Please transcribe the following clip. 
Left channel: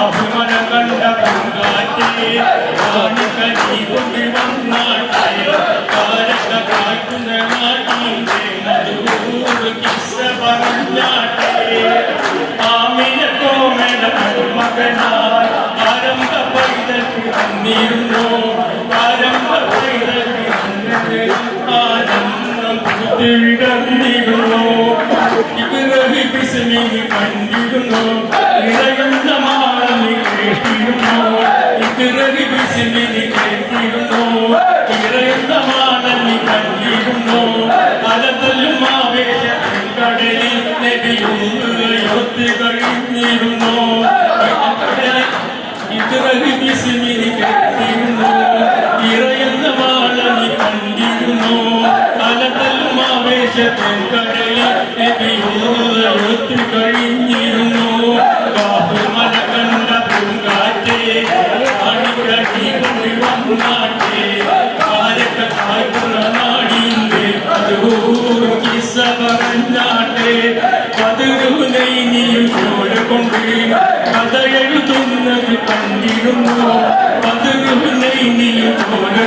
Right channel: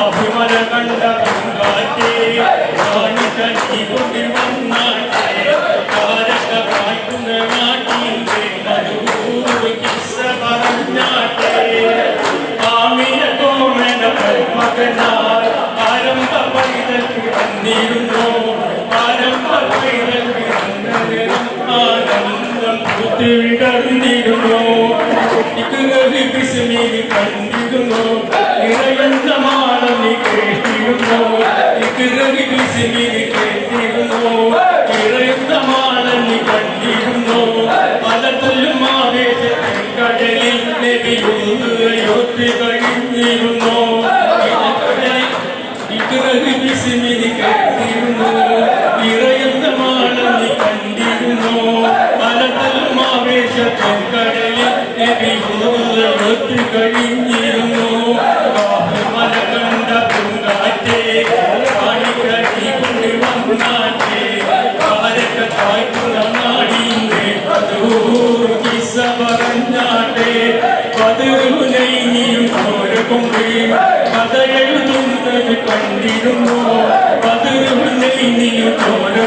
അഭിമല കണ്ട കങ്കാറ്റേ കനി കൊണ്ടി വന്നാട്ടെ കാരക്ക കായ്ക്കുന്ന നാട്ടിന്റെ മധുര കിസ്സ പറഞ്ഞാട്ടെ ആമിന കോമല മകനാർ ആരംഭ പൈതൽക്ക് വന്നിരുന്നു ആരംഭ പൈതൽക്ക് ആനന്ദം വിടർന്നിരുന്നു വിസ്മി കണ്ടിരുന്നു ഇളയുന്ന മാളനി കേട്ടിരുന്നു ഇക്കിറവി വിസ്മി കേട്ടിരുന്നു ഇളയുന്ന മാളനി കണ്ടിരുന്നു അലതല്ലും ആവേശത്തിൽ കടലിൽ നദിയൊത്തി കഴിഞ്ഞിരുന്നു ഇക്കിറവി വിസ്മി കേട്ടിരുന്നു ഇളയുന്ന മാളനി കണ്ടിരുന്നു അലതല്ലും ആവേശത്തിൽ കടലിൽ നദിയൊത്തി കഴിഞ്ഞിരുന്നു മല കണ്ട പൂങ്കാറ്റേ കാണിക്കടി കൊണ്ട് വന്നാറ്റേ കാരക്ക കായ്ക്കുന്ന നാടിന്റെ പതിവൂറ് കിസ്സ പറഞ്ഞാട്ടെ പതിരുനൈനിയും ചോര കൊണ്ട് കഥ എഴുതുന്നത് കണ്ടിരുന്നു പതിരുനൈനിയും ചോര